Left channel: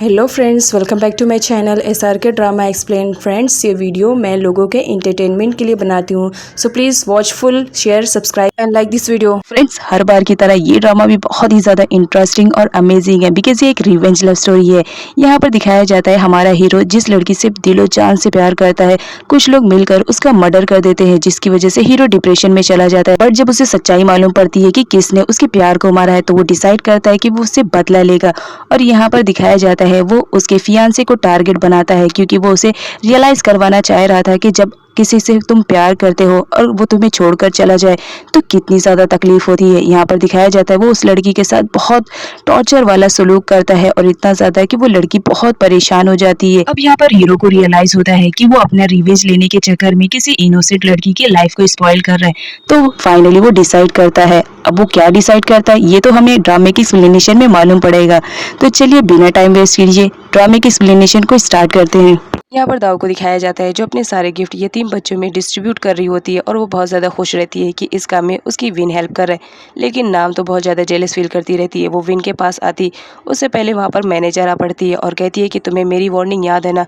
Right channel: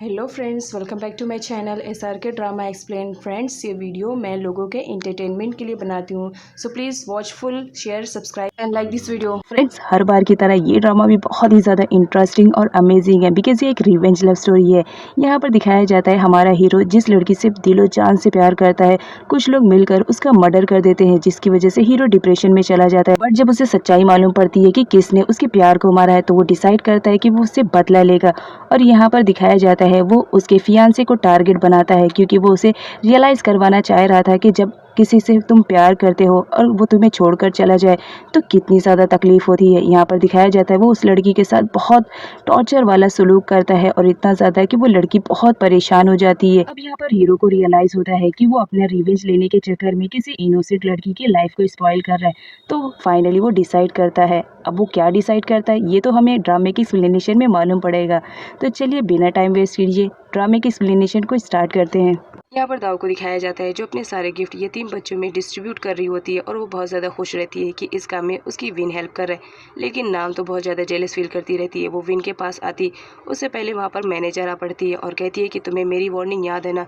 Hello friends, welcome back to my channel SRK drama explain. Friends, ये video मैं लोगों के एंटरटेनमेंट के लिए बनाती हूँ, so please watch full, share, subscribe and like this video. Friends, हर बार की तरह ये ड्रामा भी बहुत ही ज़्यादा इंटरेस्टिंग और अमेजिंग है बिकॉज ये एक रिवेंज लव स्टोरी है। यहाँ पर दिखाया जाता है हमारा हीरो जिस लड़की से दिलो जान से प्यार करता है, कुछ लोग मिलकर उसका मर्डर कर देते हैं जिसकी वजह से हीरो डिप्रेशन में चला जाता है। बट जब उसे सच्चाई मालूम पड़ती है कि किसने उसके प्यार को मारा है तो वो डिसाइड करता है कि वो उससे बदला लेगा। और यहाँ पर दिखाया जाता है वो उसके फियांसे को टारगेट बनाता है क्योंकि वो उसे रियलाइज करवाना चाह रहा था कि जब किसी से तुम प्यार करते हो और वो तुम्हें छोड़कर चला जाए तो कितनी ज़्यादा तकलीफ होती है। यहाँ पर दिखाया जाता है वो उस लड़की के साथ बहुत टॉर्चर वाला सलूक करता है और इतना ज़्यादा कि वो लड़की बहुत परेशान हो जाती है। अब यहाँ पर हीरो को रियलाइज होता है कि वो अपना रिवेंज लेने के चक्कर में किसी इनोसेंट लड़की की लाइफ को स्पॉइल कर रहा है। तो फाइनली वो डिसाइड करता है। अब वो क्या डिसाइड करता है ये तो हमें ड्रामे की एक्सप्लेनेशन में मालूम पड़ेगा। तो चलिए बिना टाइम वेस्ट कीजिए ड्रामे की एक्सप्लेनेशन को स्टार्ट करते हैं। यहाँ पर दाव को दिखाया जाता है जो अपने सारे गिफ्ट यतीम बच्चों में डिस्ट्रीब्यूट कर रही होती है और वो बहुत ज़्यादा खुश रहती है कि इस काम में उसकी विन हेल्प कर रहा है। लेकिन नाम तो बहुत ज़्यादा जेलस फील करती रहती है। वो विन के पास आती उससे पहले वहाँ पर मैनेजर आ पड़ती है और कहती है कि तुम्हें मेरी वार्निंग याद है ना,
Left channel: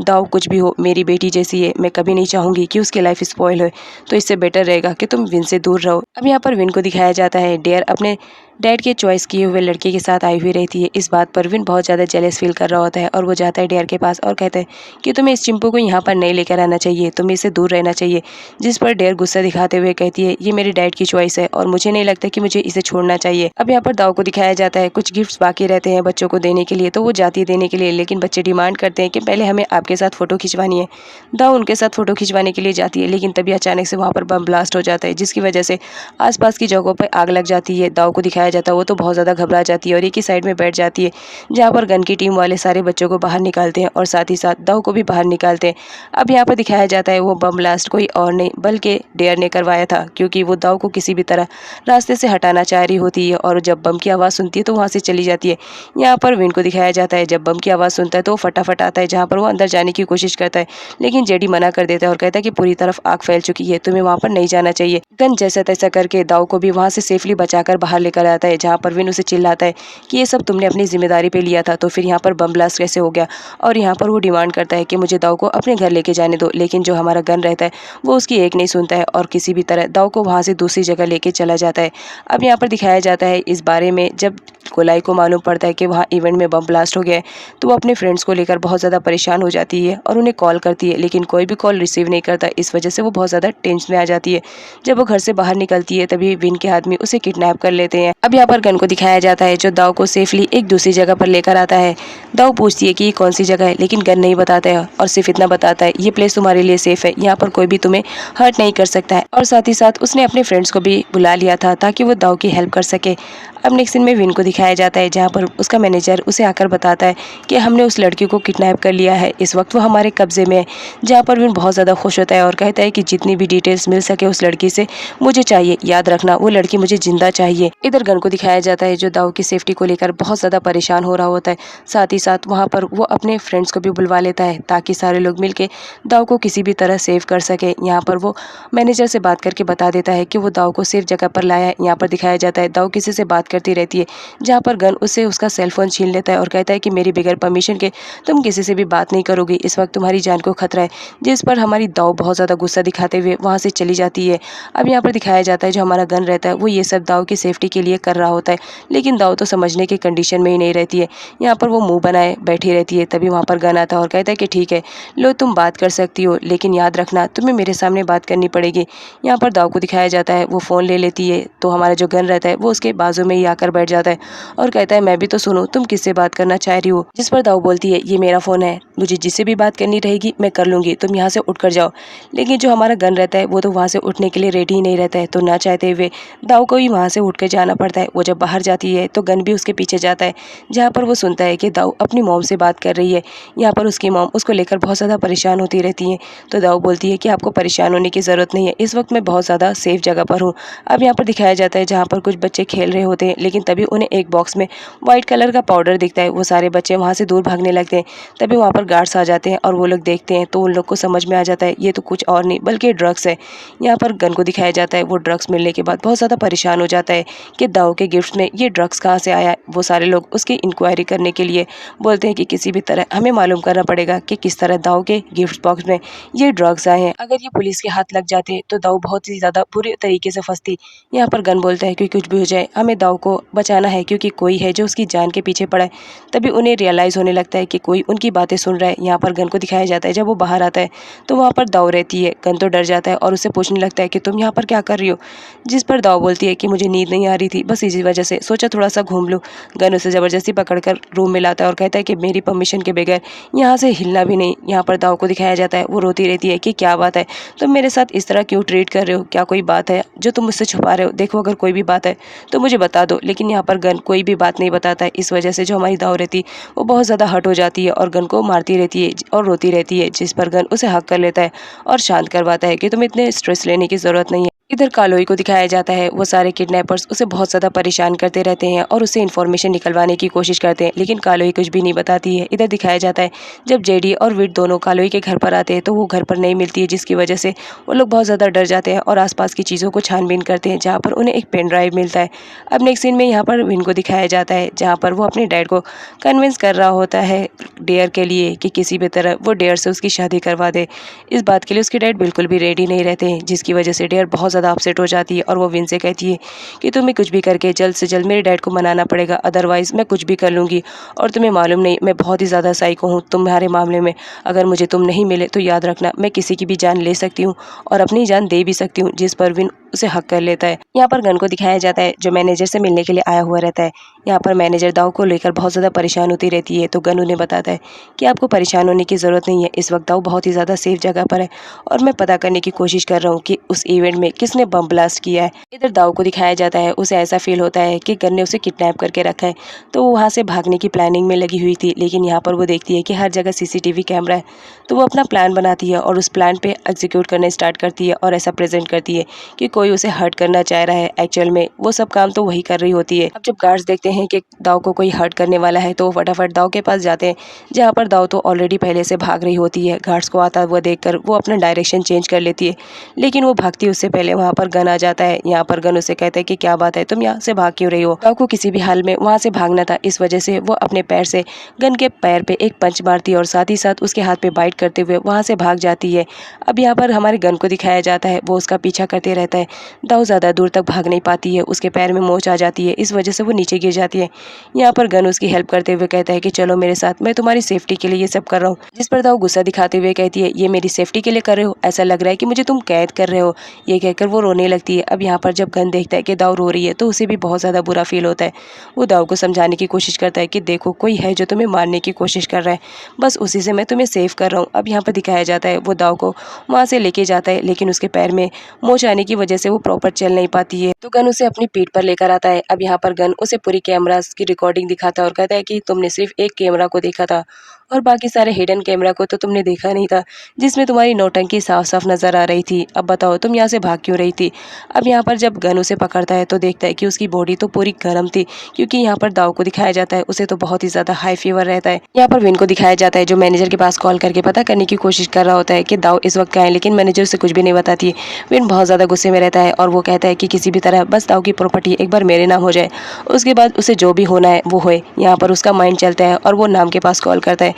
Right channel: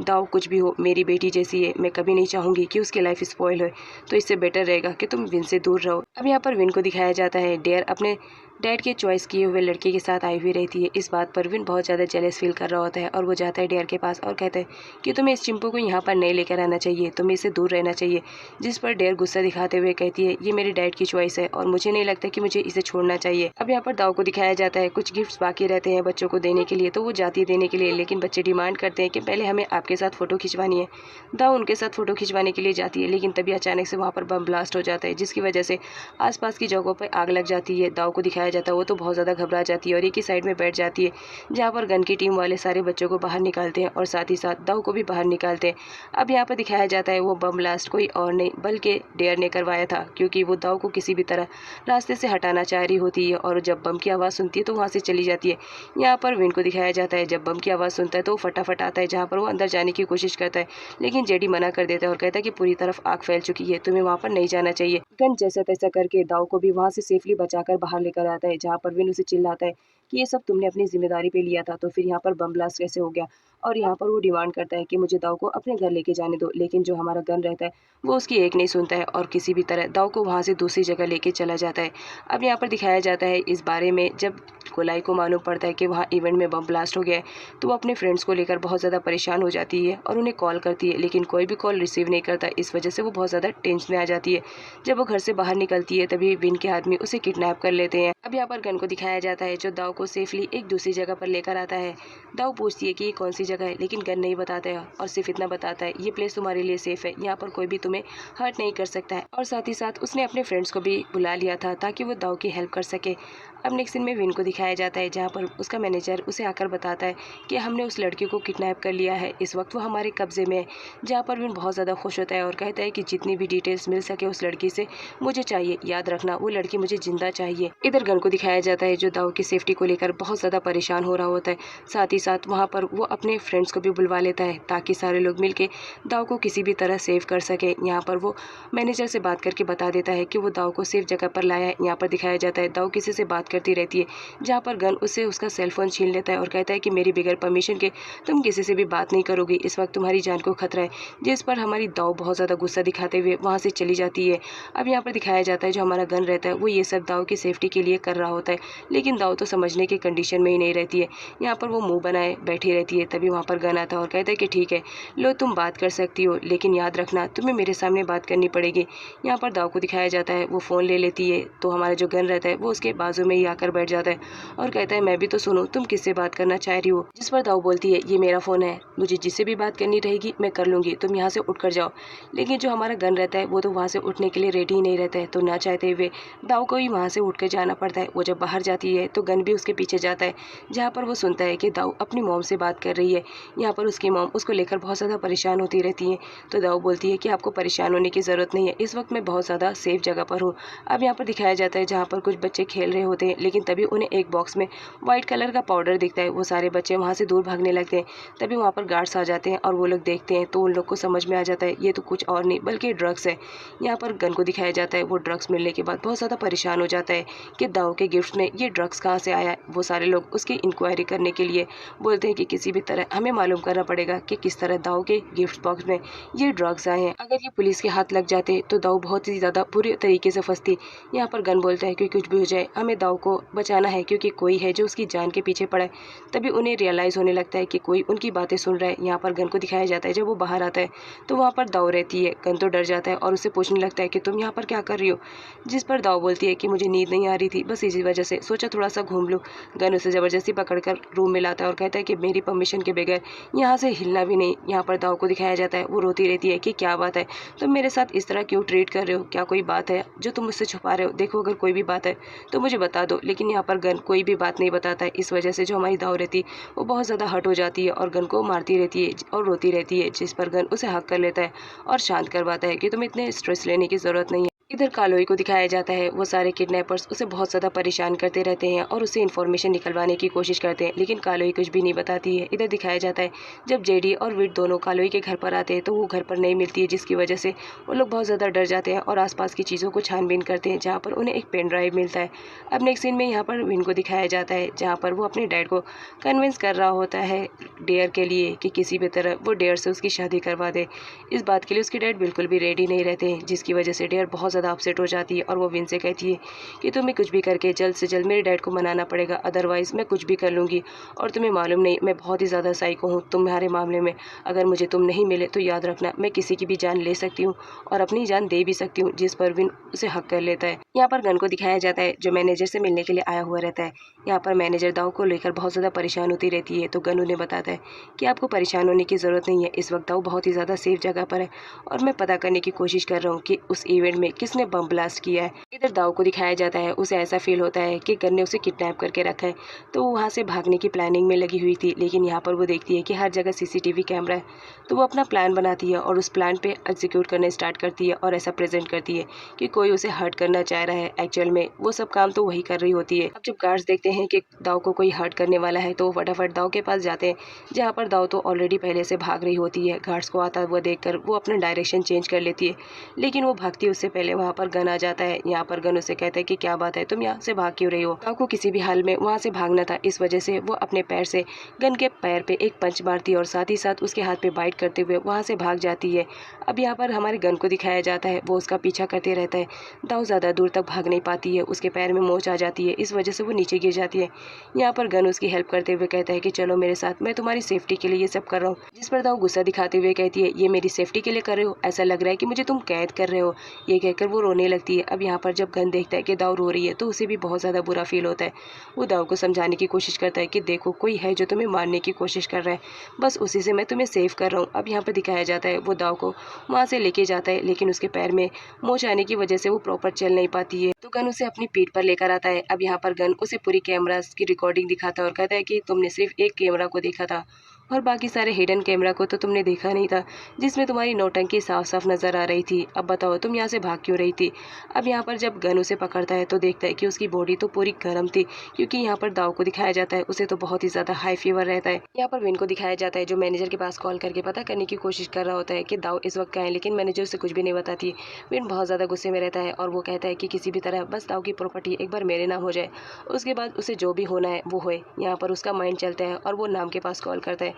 दाव कुछ भी हो मेरी बेटी जैसी है, मैं कभी नहीं चाहूँगी कि उसकी लाइफ स्पॉइल हो, तो इससे बेटर रहेगा कि तुम विन से दूर रहो। अब यहाँ पर विन को दिखाया जाता है डेयर अपने डैड के चॉइस किए हुए लड़के के साथ आई हुई रहती है। इस बात पर विन बहुत ज़्यादा जेलस फील कर रहा होता है और वो जाता है डेयर के पास और कहता है कि तुम्हें इस चिंपू को यहाँ पर नहीं लेकर आना चाहिए, तुम्हें इससे दूर रहना चाहिए। जिस पर डेयर गुस्सा दिखाते हुए कहती है ये मेरे डैड की चॉइस है और मुझे नहीं लगता कि मुझे इसे छोड़ना चाहिए। अब यहाँ पर दाव को दिखाया जाता है कुछ गिफ्ट्स बाकी रहते हैं बच्चों को देने के लिए, तो वो जाती है देने के लिए, लेकिन बच्चे डिमांड करते हैं कि पहले हमें आपके साथ फोटो खिंचवानी है। दाव उनके साथ फोटो खिंचवाने के लिए जाती है, लेकिन तभी अचानक से वहाँ पर बम ब्लास्ट हो जाता है जिसकी वजह से आसपास की जगहों पर आग लग जाती है। दाव को दिखाया जाता है वो तो बहुत ज़्यादा घबरा जाती है और एक ही साइड में बैठ जाती है जहाँ पर गन की टीम वाले सारे बच्चों को बाहर निकालते हैं और साथ ही साथ दाव को भी बाहर निकालते हैं। अब यहाँ पर दिखाया जाता है वो बम ब्लास्ट कोई और नहीं बल्कि डेयर ने करवाया था, क्योंकि वो दाव को किसी भी तरह रास्ते से हटाना चाह रही होती है और जब बम की आवाज़ सुनती है तो वहाँ से चली जाती है। यहाँ पर विन को दिखाया जाता है जब बम की आवाज़ सुनता है तो वो फटाफट आता है जहाँ पर वो अंदर जाने की कोशिश करता है, लेकिन जेडी मना कर देता है और कहता है कि पूरी तरफ आग फैल चुकी है, तुम्हें वहाँ पर नहीं जाना चाहिए। गन जैसा तैसा करके दाव को भी वहाँ से सेफली बचाकर बाहर लेकर आता है, जहाँ पर विन उसे चिल्लाता है कि ये सब तुमने अपनी जिम्मेदारी पे लिया था, तो फिर यहाँ पर बम ब्लास्ट कैसे हो गया। और यहाँ पर वो डिमांड करता है कि मुझे दाव को अपने घर लेके जाने दो, लेकिन जो हमारा गन रहता है वो उसकी एक नहीं सुनता है और किसी भी तरह दाव को वहाँ से दूसरी जगह लेके चला जाता है। अब यहाँ पर दिखाया जाता है इस बारे में जब गोलाई को मालूम पड़ता है कि वहाँ इवेंट में बम ब्लास्ट हो गया है तो वो अपने फ्रेंड्स को लेकर बहुत ज़्यादा परेशान हो जाती है और उन्हें कॉल करती है, लेकिन कोई भी कॉल रिसीव नहीं करता। इस वजह से वो बहुत ज़्यादा टेंशन में आ जाती है। जब वो घर से बाहर निकलती है तभी विन के आदमी उसे किडनैप कर लेते हैं। अब यहाँ पर गन को दिखाया जाता है जो दाव को सेफली एक दूसरी जगह पर लेकर आता है। दाव पूछती है कि ये कौन सी जगह है, लेकिन गन नहीं बताता है और सिर्फ इतना बताता है ये प्लेस तुम्हारे लिए सेफ है, यहाँ पर कोई भी तुम्हें हर्ट नहीं कर सकता है। और साथ ही साथ उसने अपने फ्रेंड्स को भी बुला लिया था ताकि वो दाव की हेल्प कर सके। अब नेक्स्ट सीन में विन को दिखाया जाता है जहाँ पर उसका मैनेजर उसे आकर बताता है कि हमने उस लड़की को किडनैप कर लिया है, इस वक्त वो हमारे कब्जे में है। जहाँ पर विन बहुत ज़्यादा खुश होता है और कहता है कि जितनी भी डिटेल्स मिल सके उस लड़की से मुझे चाहिए, याद रखना वो लड़की मुझे जिंदा चाहिए। इधर गन को दिखाया जाता है जो दाव की सेफ्टी को लेकर बहुत ज़्यादा परेशान हो रहा होता है। साथ ही साथ वहाँ पर वो अपने फ्रेंड्स को भी बुलवा लेता है ताकि सारे लोग मिलके दाव को किसी भी तरह सेव कर सके। यहाँ पर वो मैनेजर से बात करके बता देता है कि वो दाव को सेफ जगह पर लाया है। यहाँ पर दिखाया जाता है दाव किसी से बात करती रहती है, जहाँ पर गन उससे उसका सेलफोन छीन लेता है और कहता है कि मेरी बगैर परमिशन के तुम किसी से भी बात नहीं करोगी, इस वक्त तुम्हारी जान को खतरा है। जिस पर हमारी दाव बहुत ज़्यादा गुस्सा दिखाते हुए वहाँ से चली जाती है। अब यहाँ पर दिखाया जाता है जो हमारा गन रहता है वो ये सब दाव की सेफ्टी के लिए कर रहा होता है, लेकिन दाव तो समझने की कंडीशन में ही नहीं रहती है। यहाँ पर वो मुंह बनाए बैठी रहती है। तभी वहाँ पर गन आता है और कहता है कि ठीक है लो तुम बात कर सकती हो, लेकिन याद रखना तुम्हें मेरे सामने बात करनी पड़ेगी। यहाँ पर दाव को दिखाया जाता है वो फ़ोन ले लेती है तो हमारा जो गन रहता है वो उसके बाजू में ही आकर बैठ जाता है और कहता है मैं भी तो सुनूं तुम किससे बात करना चाह रही हो। जिस पर दाव बोलती है ये मेरा फ़ोन है, मुझे जिससे भी बात करनी रहेगी मैं कर लूँगी, तुम यहाँ से उठ कर जाओ। लेकिन जो हमारा गन रहता है वो तो वहाँ से उठने के लिए रेडी ही नहीं रहता है, तो ना चाहते हुए दाव को ही वहाँ से उठ कर जाना पड़ता है। वो जब बाहर जाती है तो गन भी उसके पीछे जाता है, जहाँ पर वो सुनता है कि दाव अपनी मॉम से बात कर रही है। यहाँ पर उसकी मॉम उसको लेकर बहुत ज़्यादा परेशान होती रहती हैं। तो दाव बोलती है कि आपको परेशान होने की ज़रूरत नहीं है, इस वक्त मैं बहुत ज़्यादा सेफ जगह पर हूँ। अब यहाँ पर दिखाया जाता है जहाँ पर कुछ बच्चे खेल रहे होते होते हैं, लेकिन तभी उन्हें एक बॉक्स में वाइट कलर का पाउडर दिखता है। वो सारे बच्चे वहाँ से दूर भागने लगते हैं। तभी वहाँ पर गार्ड्स आ जाते हैं और वो लोग देखते हैं तो उन लोग को समझ में आ जाता है ये तो कुछ और नहीं बल्कि ड्रग्स है। यहाँ पर गन को दिखाया जाता है। वो ड्रग्स मिलने के बाद बहुत ज़्यादा परेशान हो जाता है कि दाऊ के गिफ्ट में ये ड्रग्स कहाँ से आया है। वो सारे लोग उसकी इंक्वायरी करने के लिए बोलते हैं कि किसी भी तरह हमें मालूम करना पड़ेगा कि किस तरह दाऊ के गिफ्ट बॉक्स में ये ड्रग्स आए हैं। अगर ये पुलिस के हाथ लग जाते तो दाऊ बहुत ही ज़्यादा बुरे तरीके से फंसती। यहाँ पर गन बोलता है कि कुछ भी हो जाए हमें दाऊ को बचाना है क्योंकि कोई है जो उसकी जान के पीछे पड़ा है। तभी उन्हें रियलाइज़ होने लगता है कि कोई उनकी बातें सुन रहा है। यहाँ पर गन को दिखाया जाता है। जब वो बाहर आता है तो वहाँ पर दाऊ रहती है। गन तो डर जाता है और उससे पूछने लगता है कि तुम यहाँ पर क्या कर रही हो, जिस पर दाऊ बोलती है कि मुझे नींद नहीं आ रही थी, बस इसी वजह से सोचा थोड़ा सा घूम लूँ। गन उसे ज़बरदस्ती पकड़कर रूम में लाता है और कहता है कि मेरी परमिशन के बगैर यहाँ से हिलना भी नहीं। यहाँ पर दाऊ को दिखाया जाता है। वो रोती रहती है कि क्या बात है, तुम मेरे साथ इस तरह क्यों ट्रीट कर रहे हो, क्या कोई बात है जो तुम मुझसे छुपा रहे हो, देखो अगर कोई भी बात है तो मुझे बता दो। लेकिन यहाँ पर गन कोई भी बात नहीं बताता है। इस वजह से जो हमारी दाऊ रहती है वो बहुत ज़्यादा हर्ट हो जाती है और गन को मारती रहती है और रोती रहती है, जिस पर गन उसे हक कर लेता है और शांत करवाता है कि तुम्हें इतने स्ट्रेस लेने की ज़रूरत नहीं है। इधर कालोई को दिखाया जाता है। वो सारे किडनैपर्स उसे बहुत ज़्यादा परेशान करते रहते हैं और उससे इन्फॉर्मेशन निकलवाने की कोशिश करते हैं, लेकिन कालोई कुछ भी नहीं बताती है। इधर दिखाया जाता है जब जेडी और विट दोनों कालोई के घर पर आते हैं तो वो घर पर नहीं मिलती है, जिसकी वजह से वो लोग बहुत ज़्यादा डर जाते हैं और आसपास की चीज़ों को छानबीन करते हैं, जहाँ पर उन्हें एक पेन ड्राइव मिलता है। अब नेक्स्ट सीन में यहाँ पर विन को दिखाया जाता है, जहाँ पर वो अपने डैड को कन्विंस कर रहा होता है डेयर के लिए कि किसी भी तरह वो डेयर से उसकी शादी करवा दे। इस बात के लिए उसके डैड बिल्कुल भी रेडी नहीं रहते हैं, जिसकी वजह से डेयर बहुत ज़्यादा अपसेट हो जाती है और वो विन से कहती है कि तुम्हें कुछ भी करके जल्द से जल्द मेरे डैड को मनाना पड़ेगा, अदरवाइज़ मैं कुछ भी कर लूँगी। और तुम्हें मालूम नहीं मैं बहुत ही ज़्यादा साइको हूँ तुम्हारे मामले में, अगर मुझे तुम नहीं मिले तो याद रखना मैं किसी की भी जान ले सकती हूँ और अपनी जान दे भी सकती हूँ, जिस पर विन उसे हक कर लेता है। यहाँ पर गन को दिखाया जाता है जो मैनेजर से मिलने के लिए आया हुआ रहता है। यहाँ पर मैनेजर दाऊ को लेकर बहुत ज़्यादा परेशान होती रहती है तो गन उन्हें बताता है कि आपको परेशान होने की ज़रूरत नहीं है, इस वक्त दाऊ बहुत ही ज़्यादा सेफ जगह पर है और मैं पता करने की कोशिश कर रहा हूँ कि उस इवेंट में किसने बम ब्लास्ट किया है। इधर दाऊ को दिखाया जाता है। उसे ऐसा फील होता है कि गन ने उसे किडनैप करके रखा है तो वो वहाँ से भागने की प्लानिंग में लगी हुई थी, लेकिन यहाँ पर वो देखती है कि हर जगह सीसीटीवी कैमरा है तो वो अपना प्लान बनाती है और उस प्लान पे एग्जीक्यूट करना स्टार्ट करती है और ऐसा प्रेजेंट करती है कि कोई उसे हर्ट करना चाह रहा है। एक्चुअल में वो सब काम तो वही कर रही होती है। अब जब गार्ड्स देखते हैं कि दाऊ को कोई हर्ट करने वाला है तो वो फटाफट दाऊ के पास जाते हैं, जहाँ पर दाऊ तो ऑलरेडी पहले से भाग रही होती है। गार्ड्स को आता हुआ देखकर वो अपना डायरेक्शन चेंज कर लेती है, लेकिन वो भागती उससे पहले वहाँ पर गन आ जाता है। यहाँ पर गन उसे कहता है कि क्या बात है, तुम यहाँ से भाग क्यों रही हो। दाऊ को किसी भी हाल में वहाँ से भागना था, इस वजह से वो अपने पैर से गन के पैर पे एक पंच मारती है और साथ ही साथ उसके हाथ पे बाइट करते हुए वहाँ से भाग जाती है। अब यहाँ पर हमारे गन को दिखाया जाता है, वो उसका पीछा करते रहता है। दाऊ ज़्यादा दूर तक भाग नहीं पाती है, उसके पैर में मोच आ जाती है, इस वजह से वो नीचे गिर जाती है। यहाँ पर गन उसकी हेल्प करते हुए कहता है कि चलो मेरे साथ, मैं तुम्हारी सेफ्टी के लिए ये सब कर रहा हूँ, जिस पर दाऊ गुस्सा दिखाते हुए कहती है ये मेरी सेफ्टी के लिए कर रहे हो, ऐसा लग रहा है कि मुझे तुम कैद कर रहे हो। ये कहकर वो रोने लगती है। अब यहाँ पर जब गन देखता है कि दाऊ रो रही है तो उसे भी बहुत ज़्यादा बुरा फील होता है। वो दाऊ को समझाने की कोशिश करता है कि देखो कोई है जो तुम्हें मारने की कोशिश कर रहा है, बस उसी से मैं तुम्हें सेव कर रहा हूँ। अब यहाँ पर दिखाया जाता है वो दाऊ को वहाँ से लेके जाता है, लेकिन उसके पैर में मोच आने की वजह से वो प्रॉपर चल नहीं पाती है तो गन उसे अपनी पीठ पर लेकर आता है। अब यहाँ पर गन उसे पूरी कैमरास की रिकॉर्डिंग दिखाता है और कहता है कि तुमने सिर्फ एक कैमरा को देखा था और बाकी सारे हिडन कैमरा को तो तुमने देखा नहीं था, जिसमें तुम्हारी नौटंकी साफ साफ नजर आ रही थी। अब बताओ तुम यहाँ से भाग क्यों रही थी। अब यहाँ पर जब गन उसे पकड़ता है तो देखता है कि उसकी बॉडी तो पूरी गर्म थी, क्योंकि यहाँ पर दाऊ को दिखाया जाता है उसे तो बहुत ही ज्यादा हाई फीवर रहता है। यहाँ पर विन को दिखाया जाता है जो मैनेजर के पास कॉल करके पता करने की कोशिश कर रहा होता है कि दाऊ इस वक्त कहाँ है, लेकिन मैनेजर उसे कुछ भी नहीं बताती है। विन बहुत ज्यादा गुस्से में रहता है और वो कहता है कि किसी भी तरह बस दाऊ की प्रॉपर्टी एक बार मेरे नाम हो जाए, उसके बाद उसे जो भी होना है वो होए। यहाँ पर उसका माइंड चलता है और वो नाम के पास कॉल करता है।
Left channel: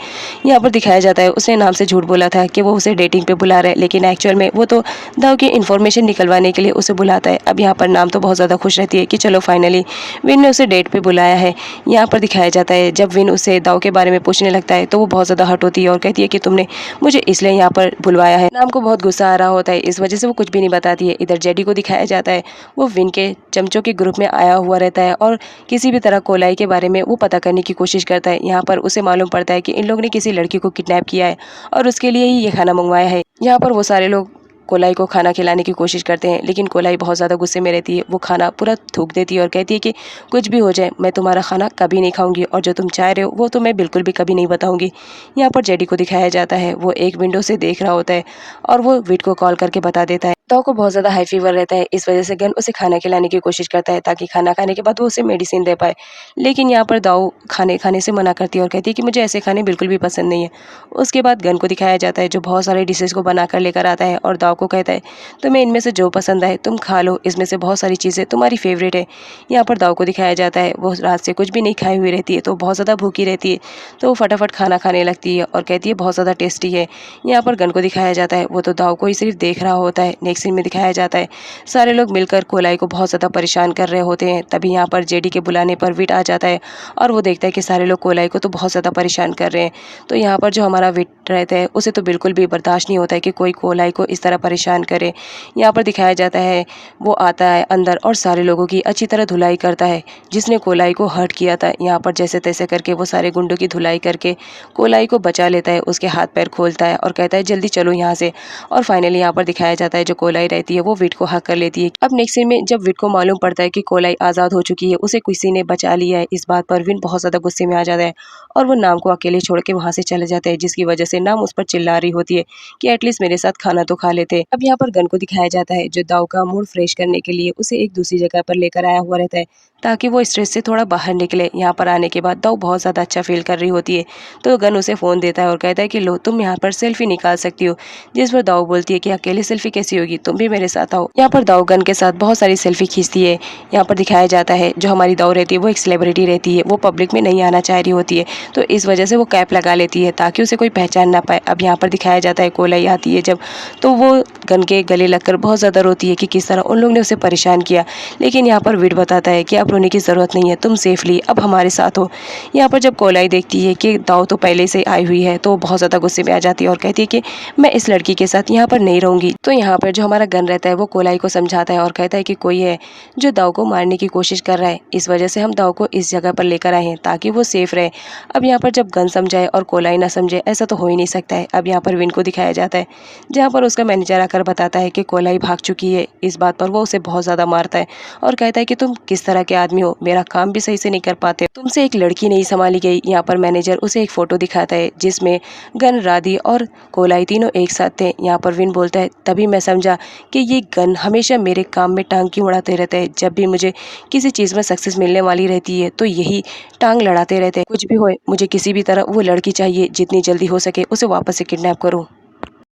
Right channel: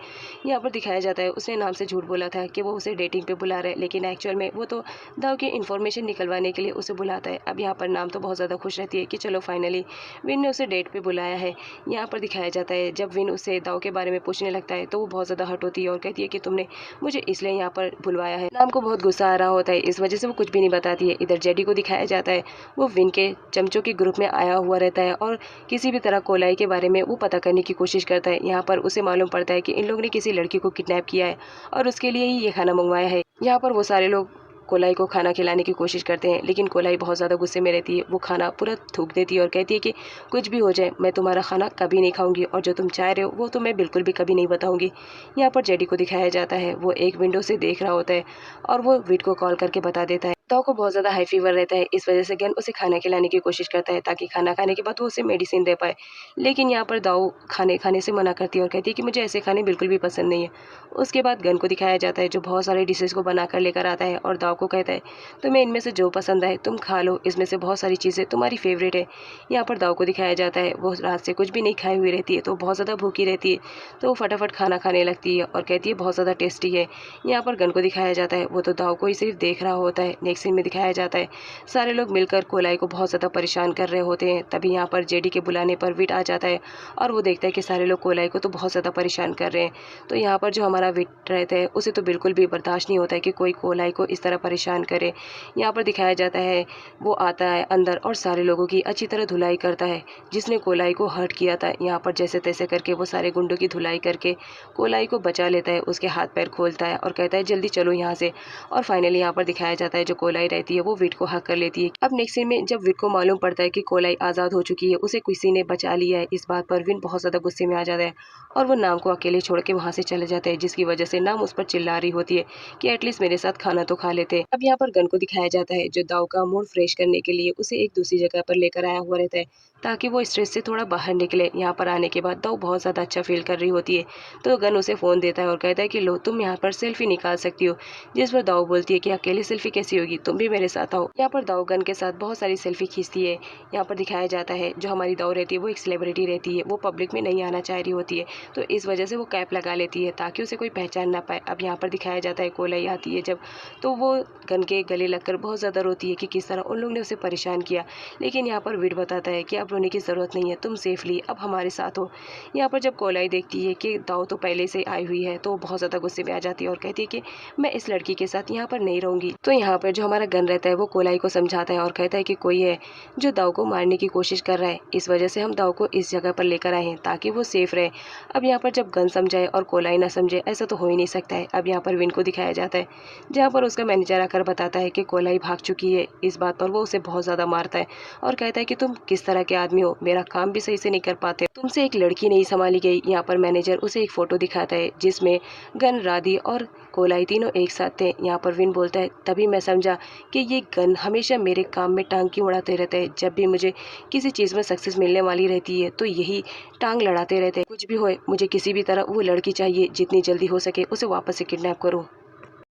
यहाँ पर दिखाया जाता है उसने नाम से झूठ बोला था कि वो उसे डेटिंग पे बुला रहा है, लेकिन एक्चुअल में वो तो दाऊ की इन्फॉर्मेशन निकलवाने के लिए उसे बुलाता है। अब यहाँ पर नाम तो बहुत ज़्यादा खुश रहती है कि चलो फाइनली विन ने उसे डेट पे बुलाया है। यहाँ पर दिखाया जाता है जब विन उसे दाऊ के बारे में पूछने लगता है तो वो बहुत ज़्यादा हर्ट होती है और कहती है कि तुमने मुझे इसलिए यहाँ पर बुलवाया है। नाम को बहुत गुस्सा आ रहा होता है, इस वजह से वो कुछ भी नहीं बताती है। इधर जेडी को दिखाया जाता है, वो विन के चमचों के ग्रुप में आया हुआ रहता है और किसी भी तरह कोलाई के बारे में वो पता करने की कोशिश करता है। यहाँ पर उसे मालूम पड़ता है कि इन लोगों ने किसी लड़की को किडनैप किया है और उसके लिए ही ये खाना मंगवाया है। यहाँ पर वो सारे लोग कोलाई को खाना खिलाने की कोशिश करते हैं, लेकिन कोलाई बहुत ज़्यादा गुस्से में रहती है। वो खाना पूरा थूक देती है और कहती है कि कुछ भी हो जाए मैं तुम्हारा खाना कभी नहीं खाऊंगी और जो तुम चाह रहे हो वो तो मैं बिल्कुल भी कभी नहीं बताऊंगी। यहाँ पर जेडी को दिखाया जाता है, वो एक विंडो से देख रहा होता है और वो विट को कॉल करके बता देता है दाऊ को बहुत ज़्यादा हाई फीवर रहता है, इस वजह से गन उसे खाना खिलाने की कोशिश करता है ताकि खाना खाने के बाद वो उसे मेडिसिन दे पाए। लेकिन यहाँ पर दाऊ खाने खाने से मना करती है और कहती है कि मुझे ऐसे खाने बिल्कुल भी पसंद नहीं है। उसके बाद गन को दिखाया जाता है जो बहुत सारे डिशेज़ को बनाकर लेकर आता है और दाऊ को कहता है तुम्हें इनमें से जो पसंद आए तुम खा लो, इसमें से बहुत सारी चीज़ें तुम्हारी फेवरेट है। यहाँ पर दाऊ को दिखाया जाता है वो रात से कुछ भी नहीं खाई हुई रहती है, तो बहुत ज़्यादा भूखी रहती है, तो वो फटाफट खाना खाने लगती है और कहती है बहुत ज़्यादा टेस्टी है। यहाँ पर गन को दिखाया जाता है वो तो दाऊ को ही सिर्फ देख रहा होता है। नेक्स्ट सीन में दिखाया जाता है सारे लोग मिलकर कोलाई को बहुत ज़्यादा परेशान कर रहे होते हैं। तभी यहाँ पर जेडी के बुलाने पर विट आ जाता है और वो देखता है कि सारे लोग कोलाई को तो बहुत ज़्यादा परेशान कर रहे हैं। तो यहाँ पर जो हमारा विट रहता है उसे तो बिल्कुल भी बर्दाश्त नहीं होता है कि कोई कोलाई को इस तरह परेशान करे। यहाँ पर दिखाया जाता है वो आता है अंदर और सारे लोगों की अच्छी तरह धुलाई करता है जिसने कोलाई को हर्ट किया था। यहाँ पर जैसे तैसे करके वो सारे गुंडों की धुलाई करके कोलाई को बचा लेता है, उसके हाथ पैर खोलता है और कहता है जल्दी चलो यहाँ से। और फाइनली यहाँ पर दिखाया जाता है जो कोलाई रहती है वो विट को हक कर लेती है। अब नेक्स्ट सीन में जब विट को मालूम पड़ता है कि कोलाई आज़ाद हो चुकी है, उसे किसी ने बचा लिया है, इस बात पर विन बहुत ज़्यादा गुस्से में आ जाता है और वो नाम को अकेले छोड़ के वहाँ से चले जाते हैं, जिसकी वजह से नाम उस पर चिल्ला रही होती है कि एटलीस्ट मेरे साथ खाना तो खा लेते। अब यहाँ पर गन को दिखाया जाता है जो दाऊ का मूड फ्रेश करने के लिए उसे एक दूसरी जगह पर लेकर आया हुआ रहता है ताकि वो स्ट्रेस से थोड़ा बाहर निकले। यहाँ पर आने के बाद दाऊ बहुत ज़्यादा अच्छा फील कर रही होती है, तो गन उसे फ़ोन देता है और कहता है कि लो तुम यहाँ पर सेल्फी निकाल सकती हो। जिस पर दाऊ बोलती है कि अकेले सेल्फी कैसी होगी, तुम भी मेरे साथ आओ। यहाँ पर दाऊ गन के साथ बहुत सारी सेल्फी खींचती है। यहाँ पर दिखाया जाता है जो हमारी दाऊ रहती है वो एक सेलिब्रिटी रहती है, वो पब्लिक में नहीं आना चाह रही होती है, तो इस वजह से वो कैप लगा लेती है ताकि उसे कोई पहचान ना पाए। अब यहाँ पर दिखाया जाता है कोलाई आती है जब, तो वो गन के गले लगकर बहुत ज़्यादा रोती है कि किस तरह उन लोगों ने उसे परेशान किया। लेकिन यहाँ पर विट बताता है कि अब रोने की ज़रूरत नहीं है, तुम सेफली अब हमारे साथ हो। यहाँ पर जब कोलाई देखती है कि दाऊ तो पहले से आई हुई है तो बहुत ज़्यादा गुस्से में आ जाती है और कहती है कि मैं इस लड़की के साथ यहाँ पर नहीं रहूँगी। तो यहाँ पर जो हमारा गन रहता है वो कोलाई को समझाता है और कहता है कि कोई है जो दाऊ को मारने की कोशिश कर रहा है, इस वजह से हम दाऊ को इस जगह पर लेकर आए हैं ताकि वो सेफ रहे। अब यहाँ पर जब गन समझाए और कोलाई ना समझे ऐसा तो हो ही नहीं सकता है। अब यहाँ पर विन को दिखाया जाता है जहाँ पर उसका मैनेजर आकर बताता है कि कोलाई भाग चुकी है। इस बात पर वो उसे बहुत ज़्यादा मारता है और कहता है कि तुम किस तरह के आदमी हो, मेरा काम भी सही से नहीं कर पाते, तुमसे एक लड़की नहीं संभाली गई। यहाँ पर मैनेजर उसे एक फ़ोटो दिखाता है जिसमें गन, राधी और कोलाई तीनों एक साथ थे। यहाँ पर विन बोलता है तभी मैं समझा कि ये गन हमेशा मेरे काम में टांग क्यों उड़ाते रहते हैं। जब भी मुझे किसी चीज़ में सक्सेस मिलने वाली रहती है तो यही टांग लड़ाते रहते हैं। कुछ भी हो मुझे किसी भी तरह वो लड़की चाहिए, जितनी जल्दी हो सके उसे वापस से किडनैप करो।